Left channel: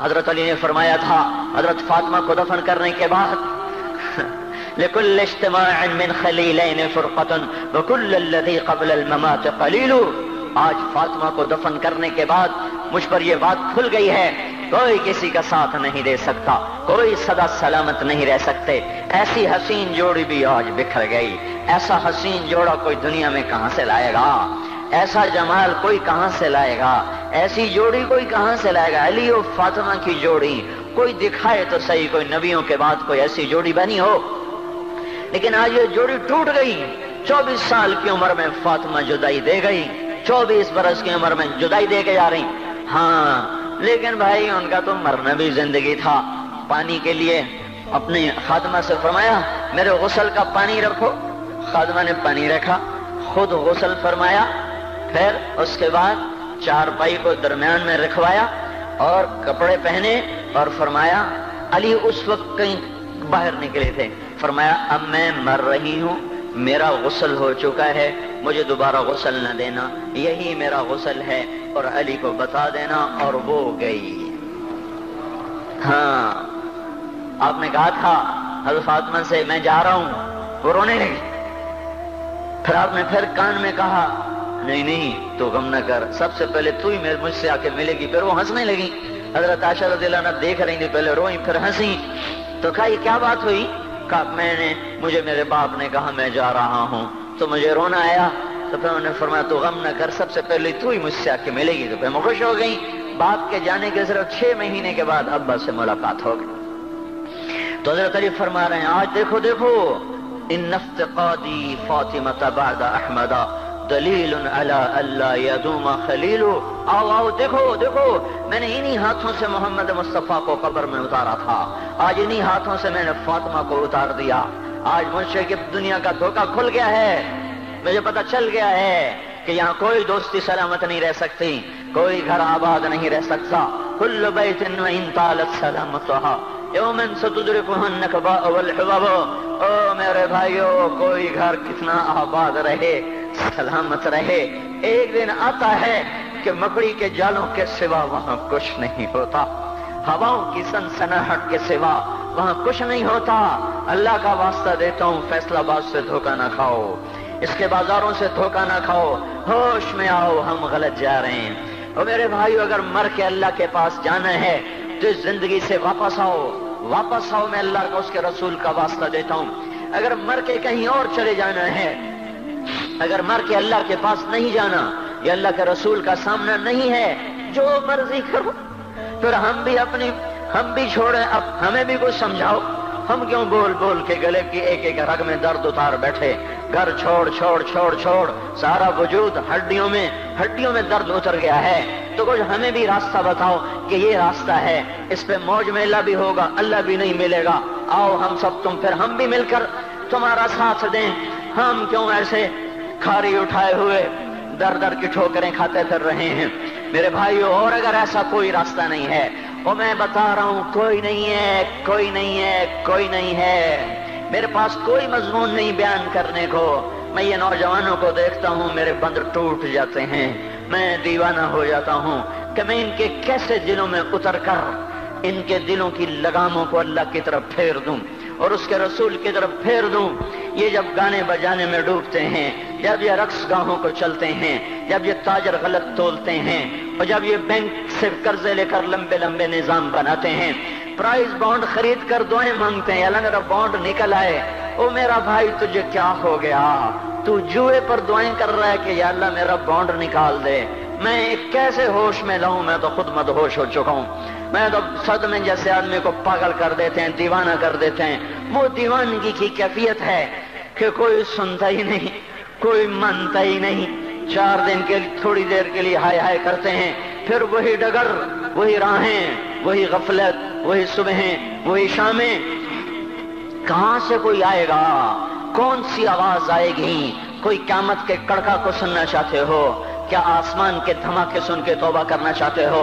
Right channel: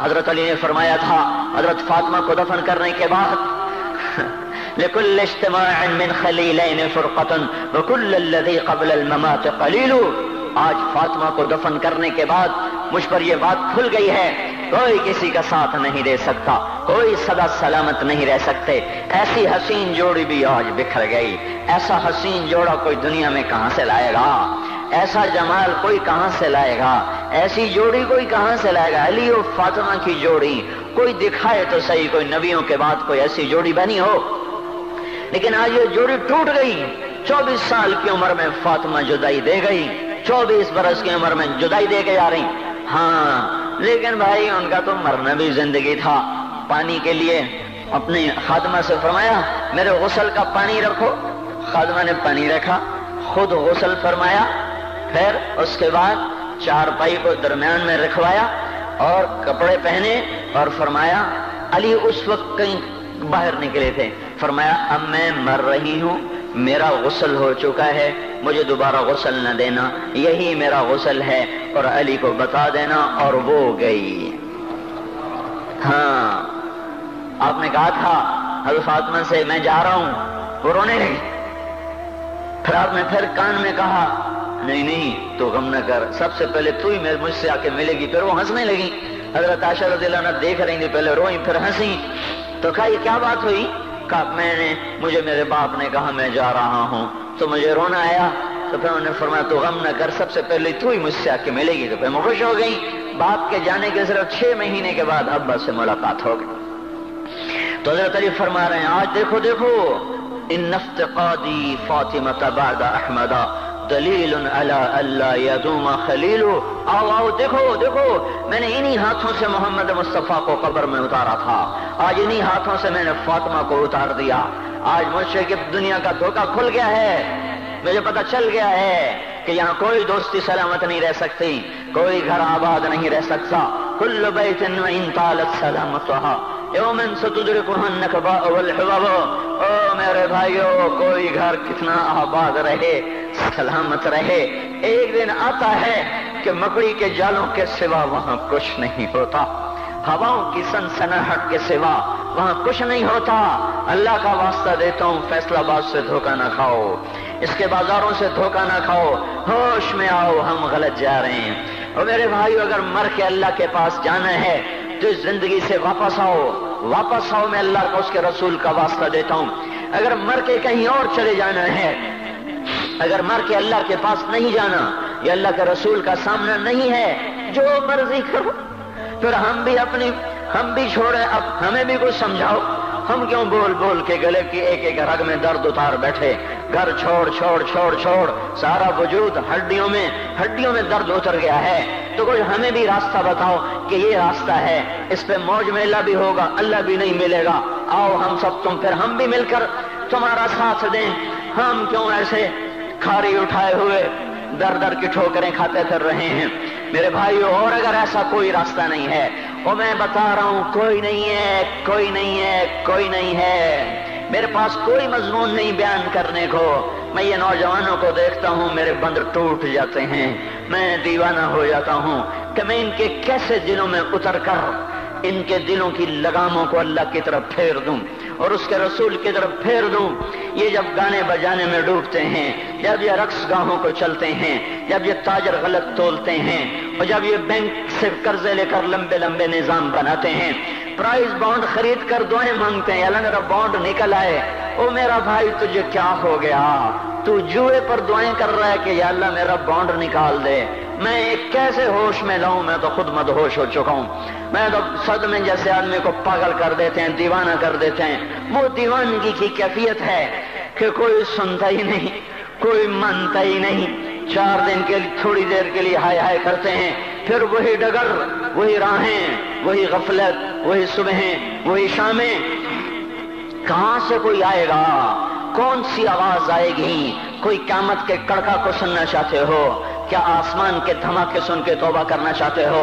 حضرت علی نے فرمایا تھا حضرت فاطمہ کو دفن کرنے کے بعد لکل اجتماع من خلیلین فرقۃ وکل الذی قبل الممات قلیل. آج فاطمہ کو دفن کرنے کے بعد مجھ پر یہ بات کھل گئی ہے، کوئی کسی کا ساتھ نہیں دے سکتا، کوئی سدا سلامت نہیں رہ سکتے. ایسی حسین جوڑی بھی آج بکھر گئی. ایسا حسین جوڑا کوئی دنیا میں کہاں سے لائے گا؟ ایسا جمال کوئی کہاں سے لائے گا؟ ایسی جوڑی کوئی کہاں سے لائے گا؟ علی و فاطمہ کی جوڑی کوئی دکھائے تو صحیح، کوئی نبیوں کے بعد کوئی ایسی جوڑی بنی ہو. لیکن آج یہ جوڑی ٹوٹ گئی. 24 سال کی عمر میں فاطمہ جدائی دے گئی، 24 برس کی عمر میں جدائی دے کے جا رہی. ہاں لیکن بھائی ان کا تو مرنا بھی زندگی تھا. پانی کے لیے اپنے خادمہ سے فرمایا میرے غسل کا پانی رکھو. خادمہ نے پانی رکھا، خود غسل فرمایا، پھر اس کے بعد چارپائی کو درمیان میں رکھوایا اور کپڑے پہنے اور فرمایا. علی اس وقت کہیں باہر نکلے تھے. فرمایا اب میں مر رہی ہوں، میرا غسل ہو چکا ہے، مجھے دوبارہ غسل نہ دینا، یہی میرا غسل ہے اور علی کو بتا دینا. اور وہ گئی. ہاں آپ نے کہا تھا حضرت فاطمہ سے میں جا رہا ہوں، وہ رونے لگی. پھر آپ نے پھر کان میں کہا نہیں نہیں تو غم نہ کر، سب سے پہلے تو ہی مجھ سے آ کے ملے گی. پھر وہ ہنسنے لگی. حضرت عائشہ رضی اللہ عنہا دیکھ رہی تھی، پہلے روئی پھر ہنسی. تو کہا یہ کیا بات ہوئی؟ کہا مجھے میرے باپ نے کہا میں جا رہا ہوں تو مجھے رونا آیا. تو پھر انہوں نے فرمایا تو غم نہ کر، سب سے پہلے تو ہی مجھ سے آ کے ملے گی. تو پھر میں خوش ہو گئی. باپ کے جانے کے صرف 6 مہینے کے بعد ابا سے ملاقات ہو گئی. تو حضرت علی فرما رہے ہیں آج دیکھو دیکھو ان افتقادی فاطمہ بعد احمد دلیل علی اللہ یدوم خلیل. آؤ آؤ دیکھو دیکھو میں نے انہی ہاتھوں سے محمد مصطفیٰ کو قبر میں اتارا تھا، آج انہی ہاتھوں سے میں نے فاطمہ کو اتار دیا. آج مجھ سے کہ دنیا کا دھوکہ کھل گیا ہے، مجھے پتہ چل گیا ہے کہ یہاں کوئی دوستی سلامت نہیں رہ سکتی، کوئی گھر آباد نہیں رہ سکتا. کل بیت وان طالت سلامتها یوم ستدرکها النکباء والحباب. او میرے بھائیو کوئی گھر کتنا آباد رہے، سلامت رہے، ایک دن آتا ہے کہ مکڑی کے جالوں کے سوا وہاں کچھ نہیں ہوتا، ہواؤں کی سنسناہٹ کے سوا وہاں کچھ نہیں ہوتا. اللہ کا واسطہ دیتا ہوں فیصلہ آباد سے دھوکہ نہ کھاؤ، اس کے بازاروں سے دھوکہ نہ کھاؤ، ہوش میں آؤ ہم غلط جا رہے ہیں. اور میرے بھائیو اگر مر کے اللہ کے پاس جانا ہے تو اس زندگی سے واپس آؤ، واپس آؤ. میں اللہ کو اس کے رسول کا واسطہ دیتا ہوں. اگر مر کے کہیں اور چلے جانا ہے، اگر مر کے اللہ کے پاس نہیں جانا یا اللہ کے رسول کا سامنا نہیں ہے، جو مرضی کرو. پھر ہم بھی چھوڑیں، اب ہمیں بھی کچھ سمجھاؤ. ہم کیوں بول بول کے گلے کی ایک ایک رگ میں درد اتار بیٹھے؟ گھر چھوڑ چھوڑ چھوڑ چھوڑ سارا وجود ہڈیوں میں درد اتر گیا ہے. تو کچھ ہمیں بھی راستہ بتاؤ کہ یہ راستہ ہے، اس پہ موج میلہ بھی ہوگا، اللہ بھی نہیں ملے گا. آؤ ہم سب پھر ہم بھی مل کر تمہارا ساتھ دیں. ہم کیوں ایسے کھاری اٹھائے ہوئے در کی ٹھوکریں کھاتے پھر رہے ہیں؟ میرے بھائیو اور اگر ایسا کوئی راستہ نہیں ہے، وہ میں بتا رہا ہوں کوئی نہیں ہے، کوئی نہیں ہے، کوئی نہیں ہے. میرے پاس کوئی مضمون نہیں بیان کرنے کو. میں یہ نوجوانوں کو دیکھتا ہوں میرے بند ٹوٹ جاتے ہیں، میں دیوانہ ہو جاتا ہوں کہ میں ان کے کیسے دلوں میں اتر کر ان کے دلوں کی لگاموں کو اللہ کی طرف پھیر دوں اور اس کے رسول کی طرف پھیر دوں. یہ جب گانے بجانے میں ڈوبتے ہیں، جب یہ رقص گاہوں کو چلتے ہیں، جب یہ تاجر غلط تولتے ہیں، اور جب یہ بینک سے قرضے لے کر لمبے لمبے نظام بناتے ہیں، پرائز بانڈ خرید کر دعائیں مانگتے ہیں اللہ میرا بانڈ نکل آئے. او میرا بھائی تجھے کیا ہو گیا؟ تو جوئے پر دعائیں کر رہا ہے کہ یا اللہ میرا بانڈ نکال دے. میں کیسے ہوش میں لاؤں؟ میں تو خود مدہوش ہو چکا ہوں. میں تو صدمے جیسے آدمی کو پاگل کر دیتے ہیں، دیوانہ کر دیتے ہیں. وہ دیوانگی کی کیفیت ہے کہ کوئی سنتا ہی نہیں، کوئی مانتا ہی نہیں. 4 دن کے تھوڑی دیر کے لیے ہائے ہائے کرتے ہیں، پھر وہی ڈگر، وہی راہیں، وہی غفلت، وہی صبحیں، وہی شامیں. کہاں سے کوئی آئے گا؟ کون سی آواز آئے گی؟ کوئی قیامت کے کڑکا کو سننا چاہتے ہو؟ کیا آسمان کے دھماکے سن کے توبہ کرنا چاہتے ہو؟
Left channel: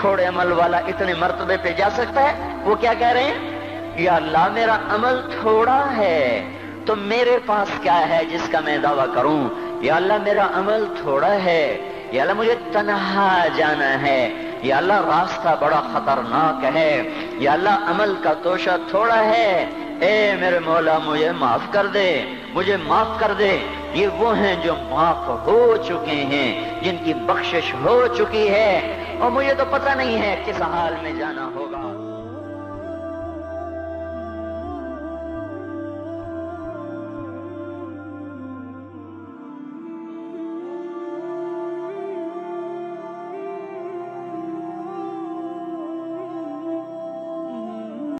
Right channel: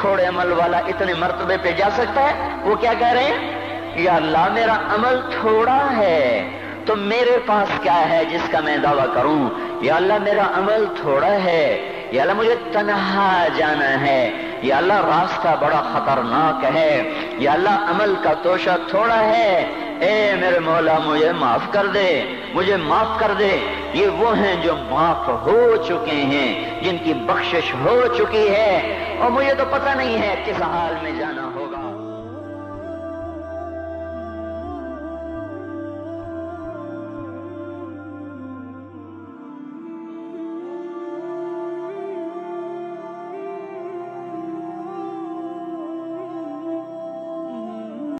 تھوڑے عمل والا اتنے مرتبے پہ جا سکتا ہے؟ وہ کیا کہہ رہے ہیں؟ یا اللہ میرا عمل تھوڑا ہے تو میرے پاس کیا ہے جس کا میں دعویٰ کروں؟ یا اللہ میرا عمل تھوڑا ہے، یا اللہ مجھے تنہا جانا ہے، یا اللہ راستہ بڑا خطرناک ہے، یا اللہ عمل کا توشہ تھوڑا ہے، اے میرے مولا مجھے معاف کر دے، مجھے معاف کر دے۔ یہ وہ ہیں جو معاف ہو چکے ہیں، جن کی بخشش ہو چکی ہے، اور مجھے تو پتہ نہیں ہے کس حال میں جانا